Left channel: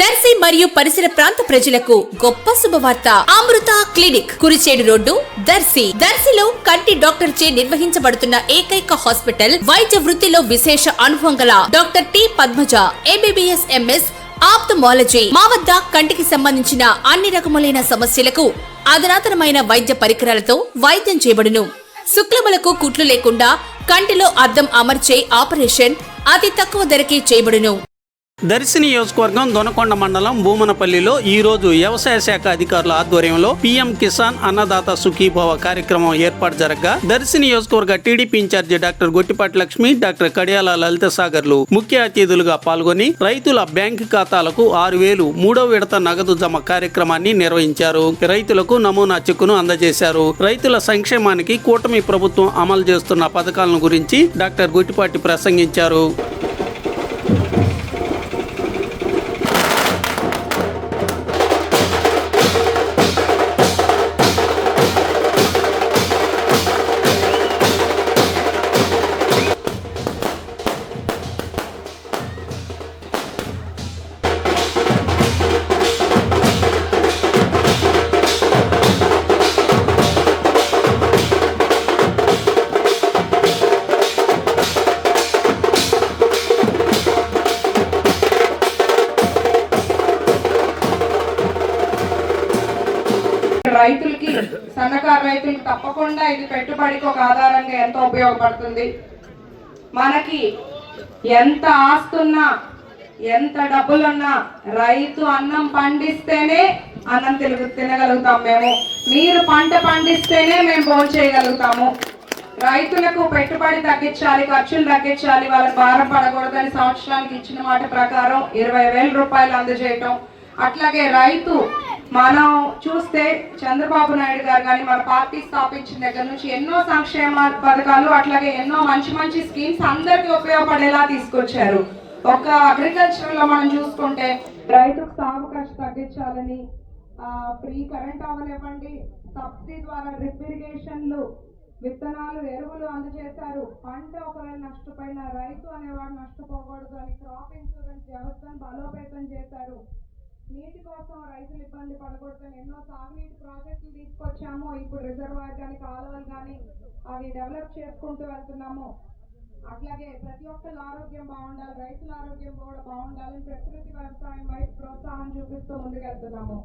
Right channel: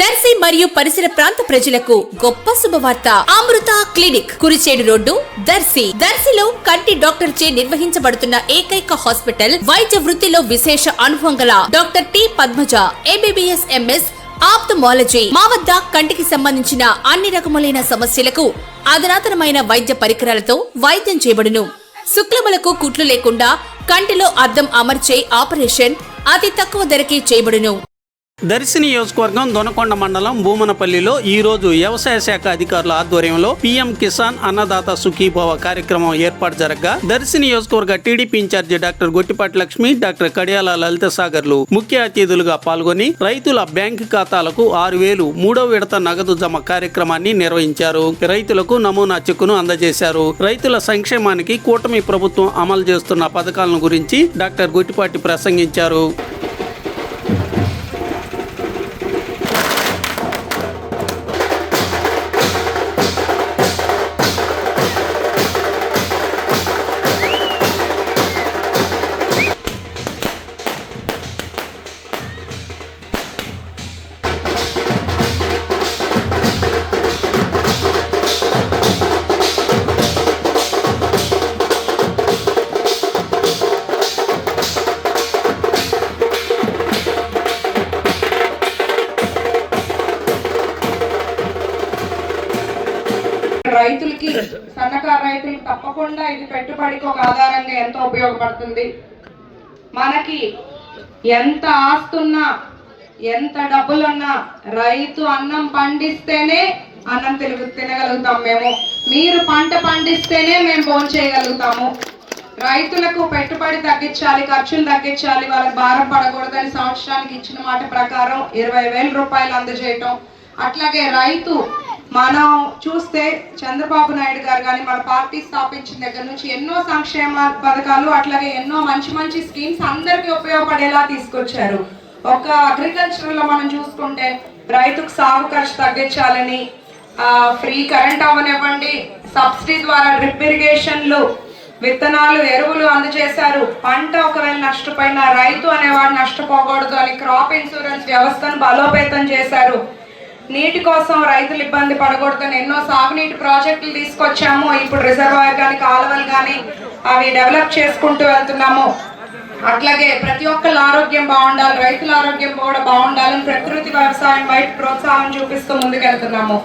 దర్శి మరియు పరిసర ప్రాంత ప్రజలకు గొప్ప శుభవార్త. అమృత క్లినిక్, కురిచేడు రోడ్డు, దర్శి. దర్శిలో కంటి డాక్టర్ చే నిర్వహించబడుతున్న ఏకైక హాస్పిటల్. వైద్య వృత్తిలో విశేష అనుభవం గల doctor T Padmaja, MBBS, MS, ophthalmology. మా వద్ద కంటికి సంబంధించిన అన్ని రకములైన సమస్యలకు అధునాతనమైన వైద్య పరికరాలతో వైద్యం చేయబడును. శుక్లములకు కుట్లు లేకుండా కంటిలో అద్దం అమర్చే ఆపరేషన్ అతి తక్కువ ధరకే చేయబడును. దర్శి నియోజకవర్గం దొనకొండ మండలం భూమనపల్లిలో ఈ రోజు వ్యవసాయ శాఖ అధికారుల ఆధ్వర్యంలో పీఎం కిసాన్ అన్నదాత సుఖీభవ కార్యక్రమం ఏర్పాటు జరగగా దర్శి నియోజకవర్గ TDP incharge doctor Gottipati Lakshmi, doctor Kadiyala Lalitha సాగర్లు ముఖ్య అతిథులుగా పాల్గొని రైతుల బ్యాంకు ఖాతాలకు 6,000 మూడవ విడత నగదు జమ కార్యక్రమాన్ని నిర్వహించారు. రైతులకు నమూనా చెక్కును అందజేశారు. రైతుల సంక్షేమానికి కూటమి ప్రభుత్వం అమలు చేస్తున్న పథకాలను గురించి డాక్టర్ గొట్టిపాటి ప్రసంగించారు. రైతులకి, సన్నకారు రైతులకు తప్పకుండా ఇది పెట్టుబడికి ఒక ఆధారంగా ఎంతో ఉపయోగపడుతుంది. మనకి ఎంత ఆస్తున్నా, ఎంత డబ్బులున్నా రైతు అన్నం పండిస్తేనే అన్నం తినగలుగుతాం. మీరు పంట పండిస్తేనే మేము భోజనం చేయగలుగుతాము. రైతులకు పెట్టుబడి తగ్గించాలి, ఖర్చులు తగ్గించాలి, వాళ్ళకి భారం పడకూడదని సంవత్సరానికి ఇచ్చిన మాట ప్రకారం 20,000 రూపాయలు అందజేయటం. అట్లాగే రైతు మనం చూస్తే చంద్రబాబు నాయుడు గారు కానీ మన పార్టీ స్థాపించిన దగ్గర నుంచి ఎన్నో సంక్షేమ పథకాలు, అట్లాగే ఎన్నో మంచి స్కీమ్స్ అందరికీ ఉపయోగపడేలా తీసుకొచ్చారు. ఒక అగ్రికల్చర్ లో మనం చూసుకుంటే రైతుకు సాగు ఖర్చు తగ్గించాలని ఫ్రీ కరెంట్ అవనివ్వండి, సబ్సిడీ ద్వారా డ్రిప్ ఇరిగేషన్లు, విత్తనాలు, ఎరువులు అందజేశారు. పంట ఒకవేళ నష్టపోయినా రైతు అనేవాడు నష్టపోకూడదు అని క్రాప్ ఇన్సూరెన్స్ వ్యవస్థను బలోపేతం చేశారు. నీటి కోసం రైతులు ఇబ్బంది పడకూడదని ఎన్నో సాగునీటి ప్రాజెక్టులు తీసుకొచ్చాము. ఇప్పుడు రిజర్వాయర్ కానీ, కాలువలు కానీ అవి డెవలప్ చేసుకుంటూ వెళ్తున్నాము. అట్లాగే ప్రతి ఒక్కళ్ళ ఆరోగ్యం బాగుండాలి, రైతుల ఆరోగ్యం కూడా బాగుండాలని ప్రకృతి వ్యవసాయం వైపు ప్రోత్సాహం చూపిస్తూ ముందుకెళ్తున్నాము.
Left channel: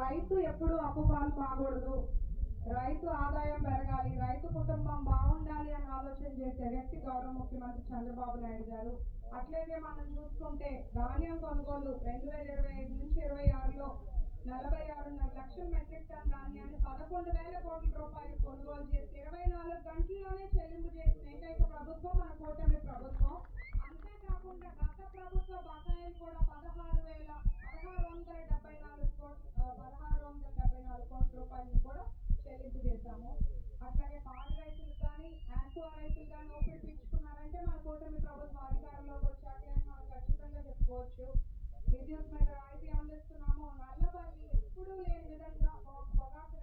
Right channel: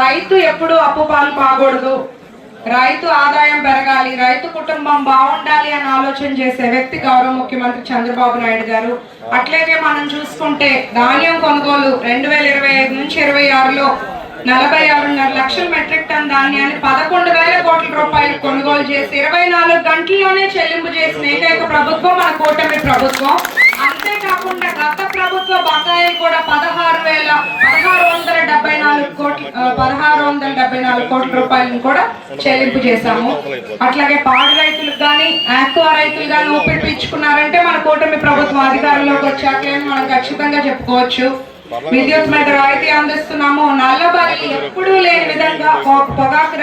రైతు ఎప్పుడు అప్పు పాలు కాకూడదు, రైతు ఆదాయం పెరగాలి, రైతు కుటుంబం బాగుండాలి అని ఆలోచన చేసే వ్యక్తి గౌరవ ముఖ్యమంత్రి చంద్రబాబు నాయుడు గారు. అట్లాగే మనం చూసుకుంటే ధాన్యం కొనుగోలు 2025 నుంచి 26లో 46.5 లక్షల మెట్రిక్ టన్ ధాన్యాన్ని 11,000 కోట్ల రూపాయలు కొనుగోలు చేసి 24 గంటల్లోనే చెల్లింపు చేసిన ఏకైక ప్రభుత్వం మన కూటమి ప్రభుత్వం. అంతేకాకుండా గత ప్రభుత్వ బకాయిలు కూడా 1674 కోట్ల రూపాయలను కూడా చెల్లింపు చేశాము. అట్లాగే పాడి రైతులకు కానీ, ఆక్వా రైతులు కానీ ఊపిరి పీల్చుకున్నారంటే మన కూటమి ప్రభుత్వం అధికారంలోకి వచ్చాకే మనం ఖచ్చితంగా చెప్పుకోవచ్చు. విద్యుత్ మీద రాయితీ అందిస్తున్నాము. నల్లబల్లి ఎప్పుడూ లేని విధంగా పొగాకు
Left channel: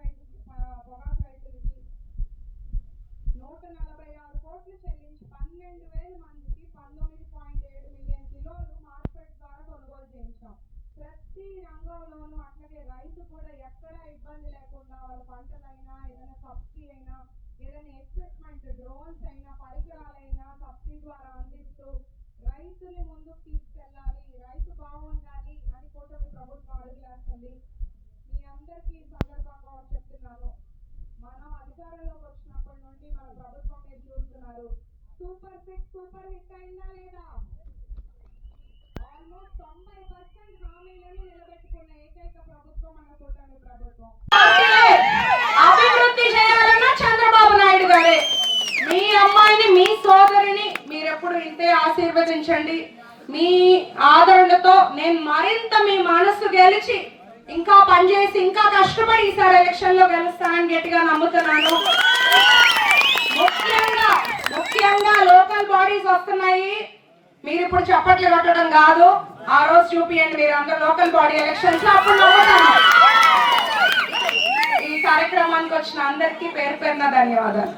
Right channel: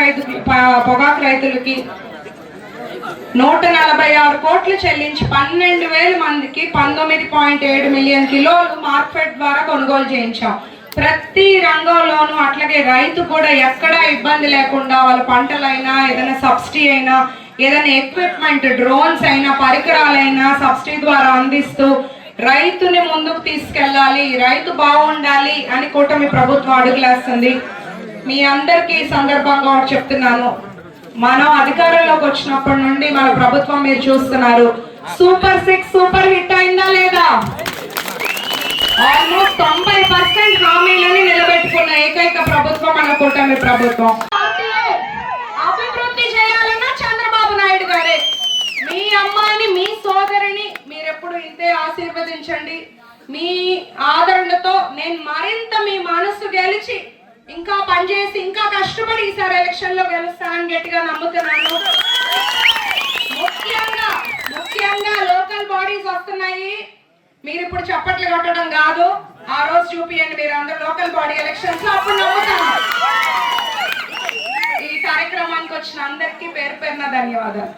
రైతులకి 146 కోట్లు చెల్లించి 12,000 మందికి 19.7 మిలియన్ కిలోలు మార్కెట్ ద్వారా కొనుగోలు చేయించాం. ప్రతి రంగంలోనూ అట్లాగే రైతు కూడా ఎక్కడా ఇబ్బంది లేకుండా వాళ్ళ పంటలైనా, ఏదైనా సబ్సిడీ అయినా, ఏదైనా ఎక్విప్మెంట్, డ్రోన్స్ అయినా, పరికరాలైనా సబ్సిడీ ద్వారా అందిస్తూ రైతుని ముందుకు తీసుకెళ్ళాలి, రైతు బాగుండాలి అని కూటమి ప్రభుత్వం అడుగులేస్తుంది. మీ అందరికీ ఈ సందర్భంగా చెప్తున్నాను, మనం అధికారంలోకి వచ్చినప్పటి నుండి మన ప్రభుత్వం మీరు చూస్తున్నారు, సూపర్ 6 సూపర్ హిట్ అయిందా లేదా? ఆల్మోస్ట్ 90% హామీలని నిలబెట్టుకున్న ఏకైక ప్రభుత్వం మన కూటమి ప్రభుత్వం. అభివృద్ధి చేయాలన్నా చంద్రబాబు నాయుడు గారే. మీ అమ్మాయిని, మీ సోదరిని మీరెప్పుడు ఇంతే ఆశీర్వదించండి. మీ ఆదరణతో నేను మరింత మీ మనసు గెలిచి ఇంకా పనిచేసి ఇంకా కష్టపడి ఈసారి ఎలక్షన్ లో గెలుస్తానని గట్టిగా నమ్ముతున్నాను. ముఖ్యంగా లోకల్ బాడీస్ వస్తున్నాయి. మీరు ఇప్పుడు చప్పట్లు కొట్టడం కాదు, ఆ రోజు చూపియండి మీరు అందరు లోకల్ బాడీ ఎలక్షన్స్ లో, అప్పుడు నమ్ముతాను. ఈ కార్యక్రమానికి వచ్చిన అందరికీ పేరు పేరున ధన్యవాదాలు.